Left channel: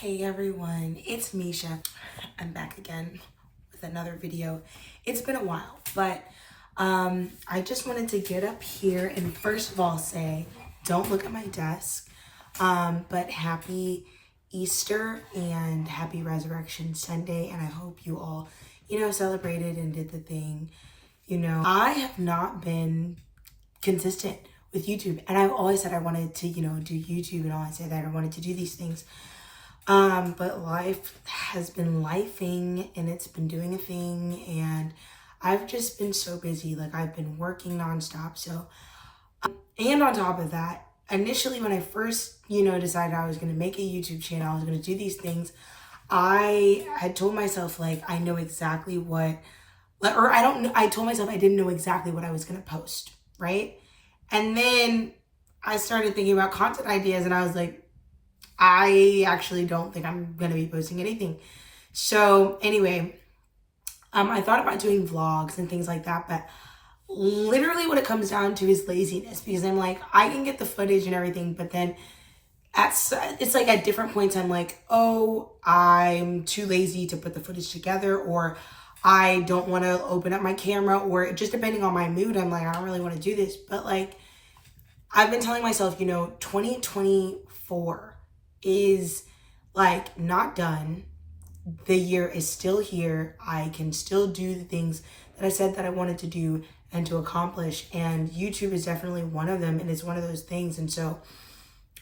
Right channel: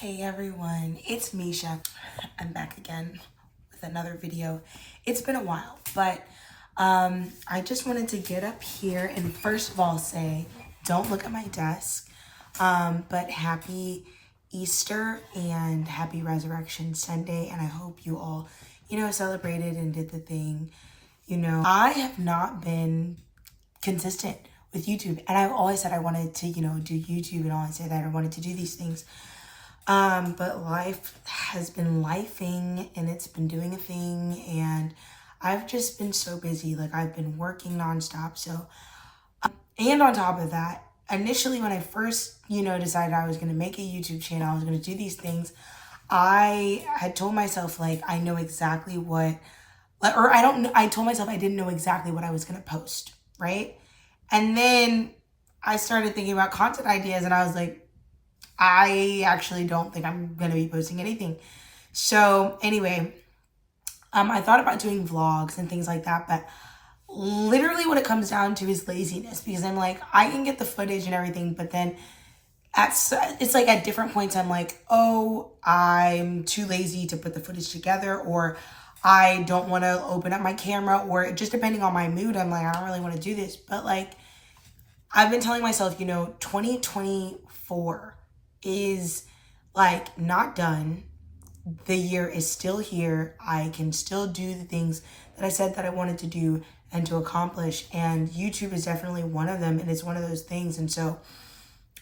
Hey everyone, it's Misha. I'm back again with another video. It's been a while, but I just wanted to get up here and first of all say, don't look at my desk, but happy Easter and happy Resurrection Sunday, and I hope you all, celebrated and did the thing. I have not been consistent with YouTube, and I've always said I wanted to, do YouTube, and always say that I wanted to do these things. But life has been lifing and it's been doing a thing, and I've just been so busy. Like, I've been working nonstop. So, and on top of that, initially when I first, decided I was going to make a YouTube channel, I was going to do these things, I had told myself, like, I know exactly what, or I told myself I didn't know exactly what I was going to post, right? And then I started thinking about content ideas and I was like, I actually don't think I'm going to be posting anything. So anyway, I thought about doing vlogs and things like that, but literally what it comes down to is laziness, because I'm like, I can get the footage and everything, but then it's like at different points I'm like, oh, I'm too lazy to put the footage together, or I don't want to open up my camera, or just depending on my mood, I'm like, I don't really want to do this. But like, I've been telling myself, 2024 is like not done. The year is still here. I can still do the things that I said that I wanted to do and to accomplish. And YouTube is definitely one of them. And it's one of those things. And so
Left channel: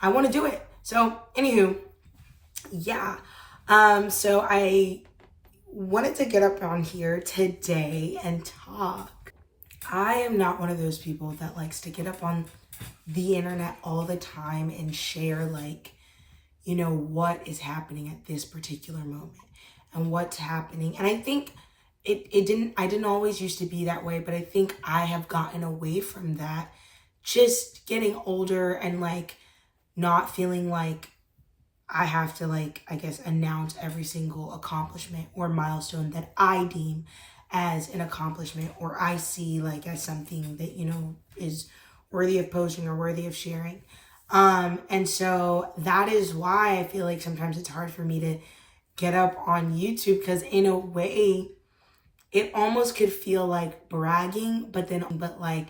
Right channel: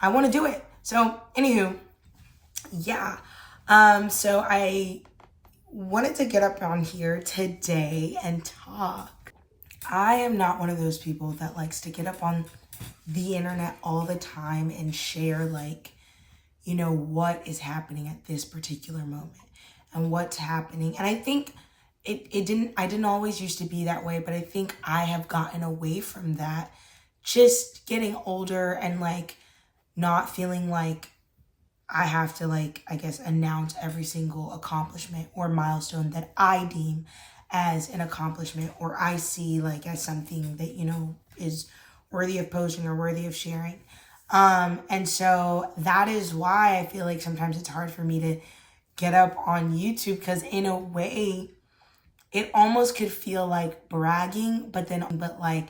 I want to do it. So anywho, yeah. So I wanted to get up on here today and talk. I am not one of those people that likes to get up on the internet all the time and share like, what is happening at this particular moment and what's happening. And I think I didn't always used to be that way, but I think I have gotten away from that, just getting older and like not feeling like I have to, like, I guess, announce every single accomplishment or milestone that I deem as an accomplishment, or I see like as something that, is worthy of posting or worthy of sharing. And so that is why I feel like sometimes it's hard for me to get up on YouTube, because in a way it almost could feel like bragging, but like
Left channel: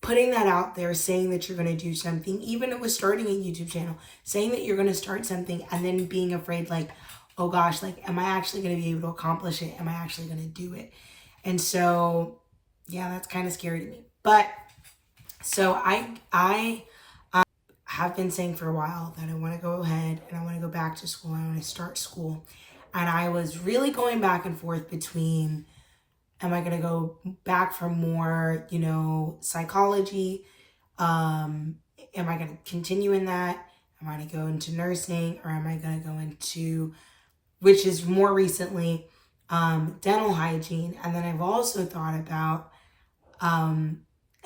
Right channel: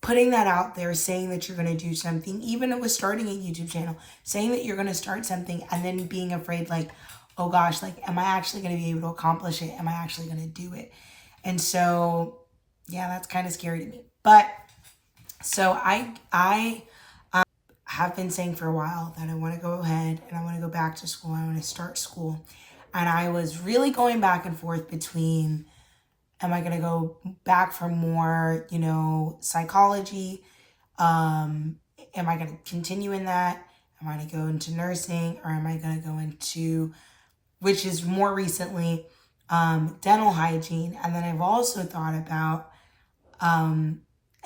putting that out there, saying that you're going to do something, even with starting a YouTube channel, saying that you're going to start something and then being afraid, like, oh gosh, like, am I actually going to be able to accomplish it? Am I actually going to do it? And so, yeah, that's kind of scary to me. But so I have been saying for a while that I want to go ahead and I want to go back to school. I want to start school. And I was really going back and forth between, am I going to go back for more, psychology? Am I going to continue in that? Am I going to go into nursing, or am I going to go into, which is more recently, dental hygiene? And then I've also thought about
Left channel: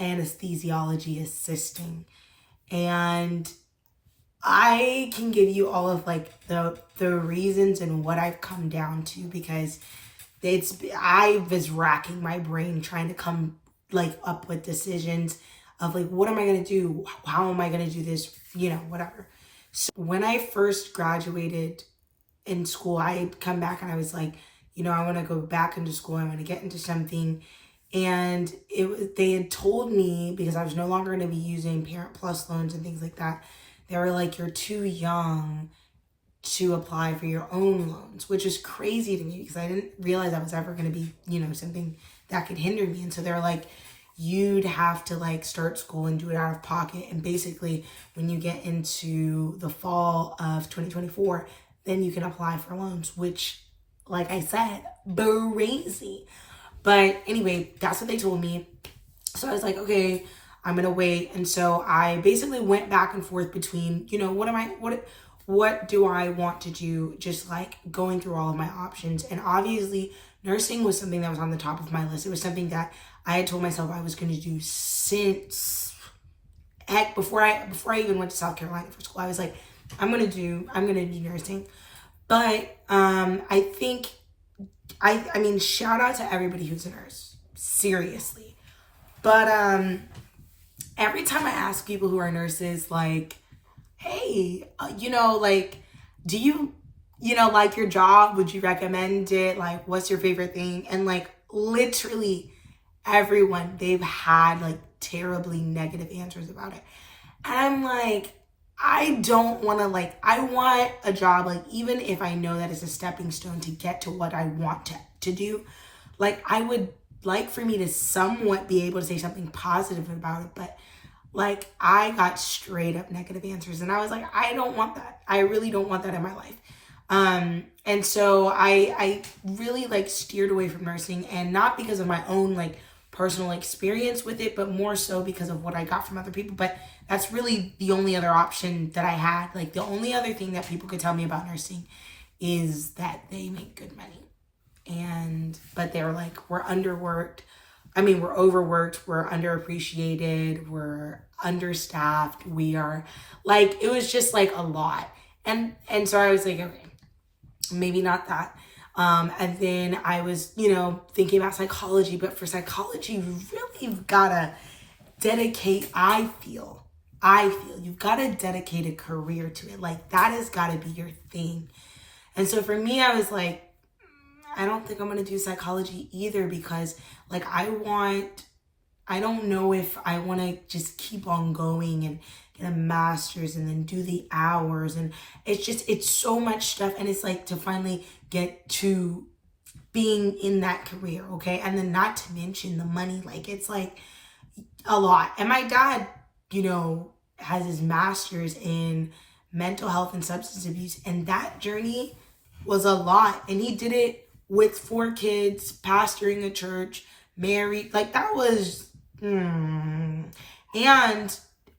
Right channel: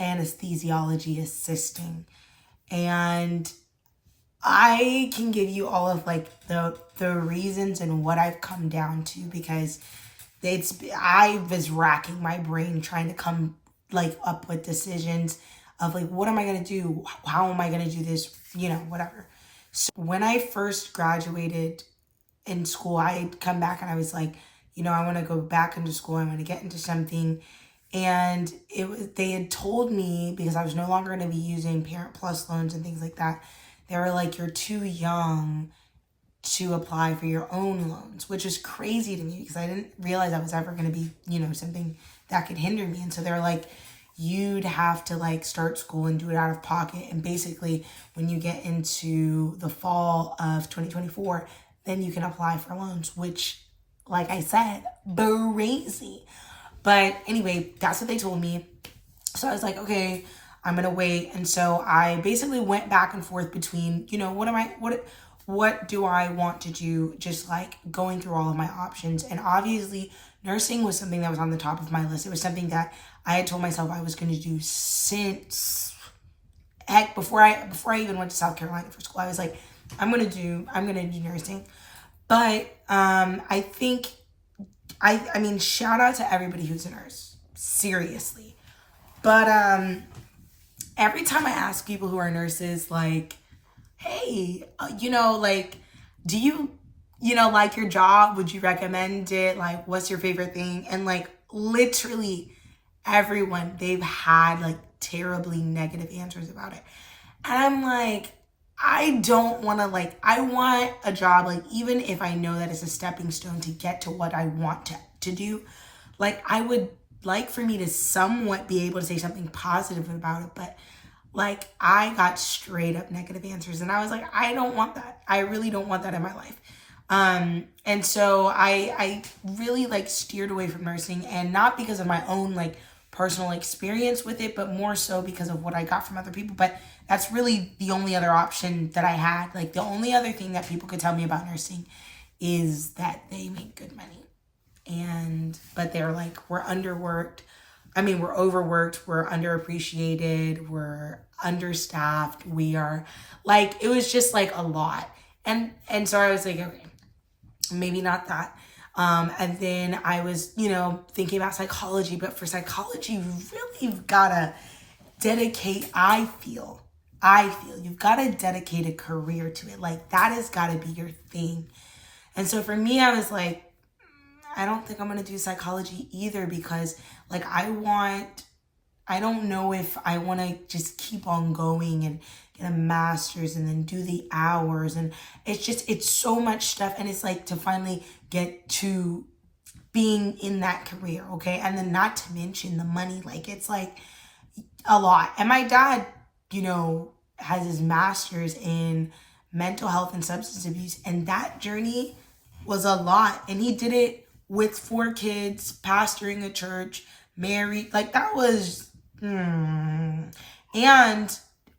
anesthesiology assisting. And I can give you all of like the reasons and what I've come down to, because I was racking my brain trying to come like up with decisions of like, what am I going to do? How am I going to do this? Whatever. So when I first graduated in school, I had come back and I was like, I want to go back into school. I want to get into something. And they had told me, because I was no longer going to be using Parent Plus loans and things like that, they were like, you're too young to apply for your own loans, which is crazy to me because I didn't realize I was ever going to be, something that could hinder me. And so they're like, you'd have to like start school and do it out of pocket. And basically when you get into the fall of 2024, then you can apply for loans, which, like I said, crazy. But anyway, that's what they told me. So I was like, okay, I'm going to wait. And so I basically went back and forth between, what do I want to do? Just like going through all of my options. And obviously nursing was something that was on the top of my list. It was something that I had told myself I was going to do since before I even went to South Carolina for school. I was like, I'm going to do nursing. But I think, I mean, shout out to everybody who's a nurse, seriously. But every time I ask people who are nurses, like, hey, like, do you like your job? Would you recommend it? Like, what's your favorite thing? And like literally everyone, they've had like terribly negative answers about it. And I'm like, I don't want to, like, I want a job, like, even if I know that it's a stepping stone to get to what I want to do, like, I would like for me to somewhat be able to say something positive about it. But like, I got straight up negative answers, and I was like, I don't want that. I really don't want that in my life. And so I really like steered away from nursing, and not because of my own like personal experience with it, but more so because of what I got from other people. But that's really the only other option that I had. Like, the only other thing that people could tell me about nursing is that they make good money. But they're like, we're underworked. I mean, we're overworked, we're underappreciated, we're understaffed, we are like, it was just like a lot. And so I was like, okay, maybe not that. And then I was, thinking about psychology, but for psychology, you really have gotta dedicate, I feel you've got to dedicate a career to it. Like, that has got to be your thing. And so for me, I was like, I don't think I'm going to do psychology either, because like, I don't know if I want to just keep on going and get a master's and then do the hours. And it's so much stuff. And it's like, to finally get to being in that career. Okay. And then not to mention the money, like, it's like a lot. And my dad, has his master's in mental health and substance abuse. And that journey was a lot. And he did it with 4 kids, pastoring a church, married. Like, that was, and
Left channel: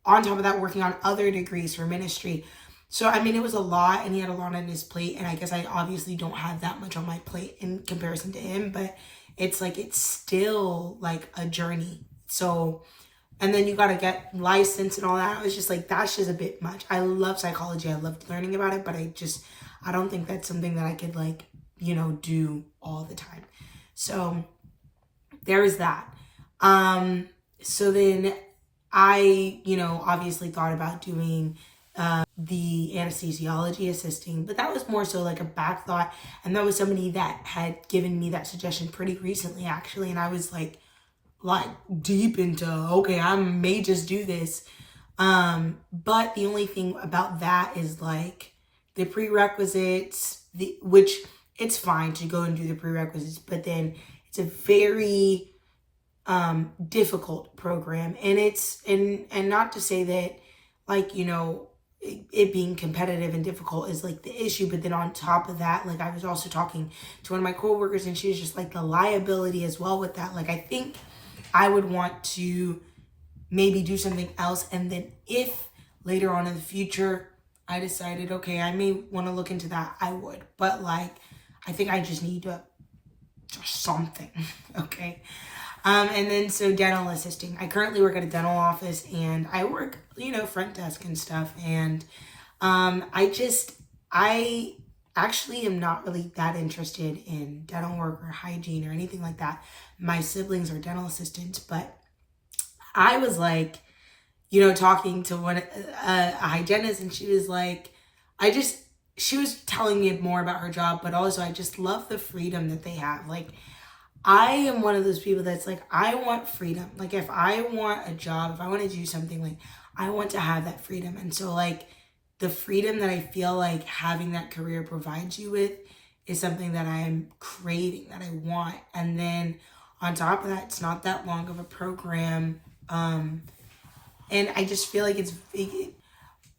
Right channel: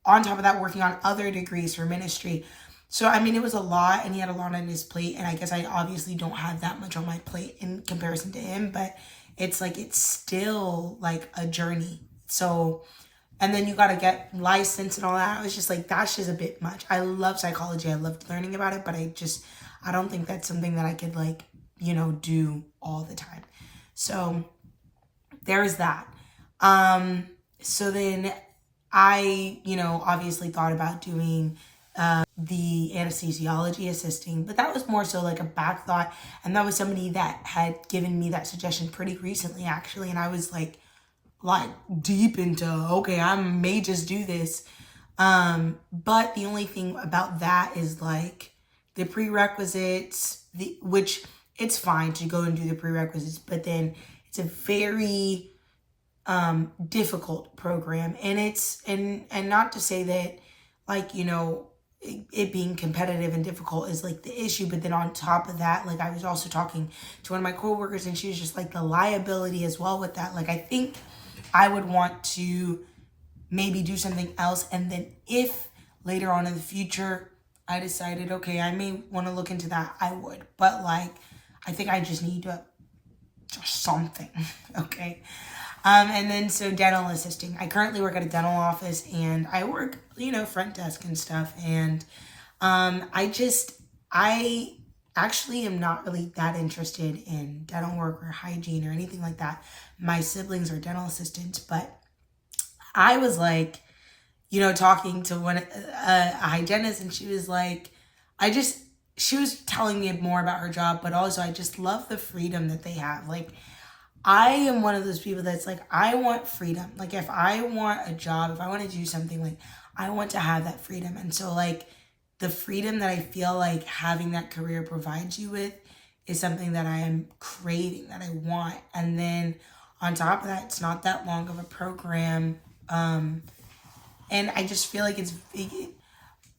on top of that, working on other degrees for ministry. So, I mean, it was a lot, and he had a lot on his plate. And I guess I obviously don't have that much on my plate in comparison to him, but it's like, it's still like a journey. So, and then you got to get licensed and all that. I was just like, that's just a bit much. I love psychology. I loved learning about it, but I don't think that's something that I could like, do all the time. So there's that. So then I, obviously thought about doing the anesthesiology assisting, but that was more so like a back thought. And that was somebody that had given me that suggestion pretty recently, actually. And I was like deep into, okay, I may just do this. But the only thing about that is like the prerequisites, which it's fine to go and do the prerequisites, but then it's a very difficult program. And and not to say that like, it being competitive and difficult is like the issue, but then on top of that, like, I was also talking to one of my coworkers, and she was just like, the liability as well with that. Like, I think I would want to maybe do something else. And then if later on in the future, I decided, okay, I may want to look into that, I would. But like, I think I just need to something. Okay. And then so dental assisting. I currently work at a dental office, and I work, front desk and stuff. And I actually am not really that interested in dental work or hygiene or anything like that. My siblings are dental assistants, but I was like, talking to a hygienist, and she was like, she was telling me more about her job, but also I just love the freedom that they have. Like, I am one of those people that's like, I want freedom. Like, if I want a job, if I want to do something, like, I want to have that freedom. And so like, the freedom that I feel like having that career provides you with is something that I am craving, that I want. And then on top of that, it's not that long of a program. And I just feel like it's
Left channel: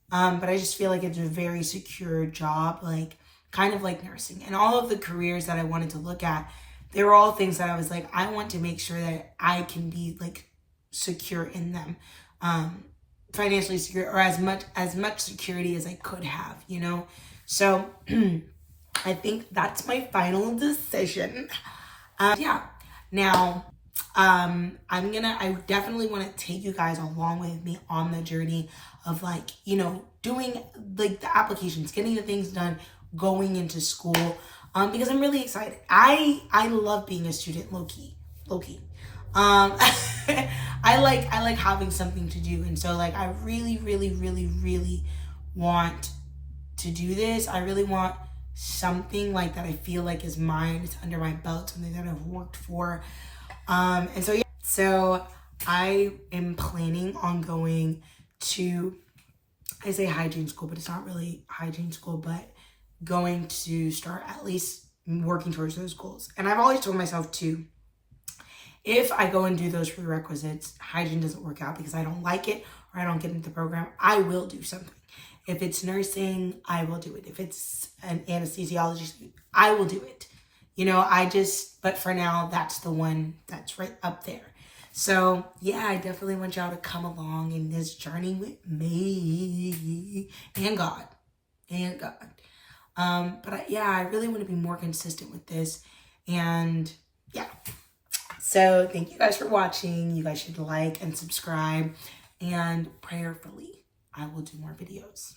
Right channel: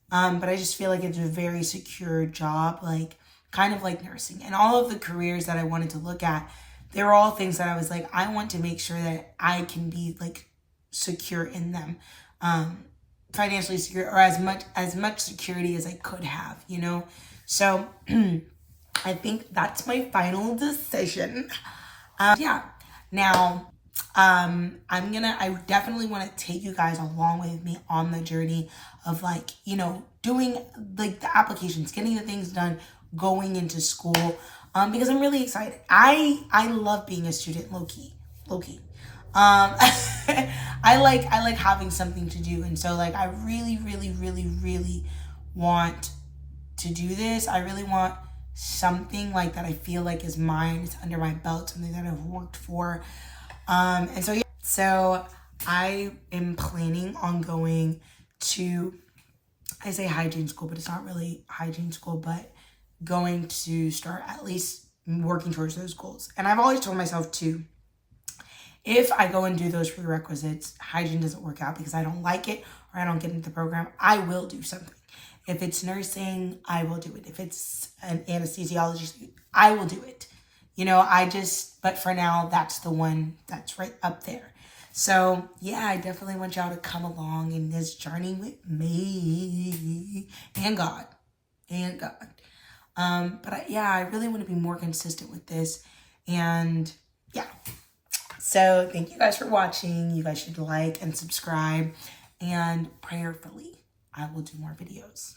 but I just feel like it's a very secure job, like kind of like nursing. And all of the careers that I wanted to look at, they were all things that I was like, I want to make sure that I can be like secure in them, financially secure, or as much security as I could have, So I think that's my final decision. Yeah. Now, I definitely want to take you guys along with me on the journey of like, doing like the applications, getting the things done, going into school, because I'm really excited. I love being a student, low key. I like having something to do. And so like, I really, really, really, really want to do this. I really want something like that I feel like is mine. It's under my belt, something that I've worked for. And so, yeah, so I am planning on going to, I say hygiene school, but it's not really hygiene school, but going to start at least working towards those goals. And I've always told myself too, if I go and do those prerequisites, hygiene doesn't work out because I don't like it or I don't get into the program, I will do something. If it's nursing, I will do it. If it's an anesthesiology, I will do it. But for now, that's the one that's right up there. So yeah, I definitely want y'all to come along in this journey with me and God. I really want to be more consistent with this. And yeah. So thank you guys for watching. You guys should like and subscribe. And prayerfully, I will do more videos.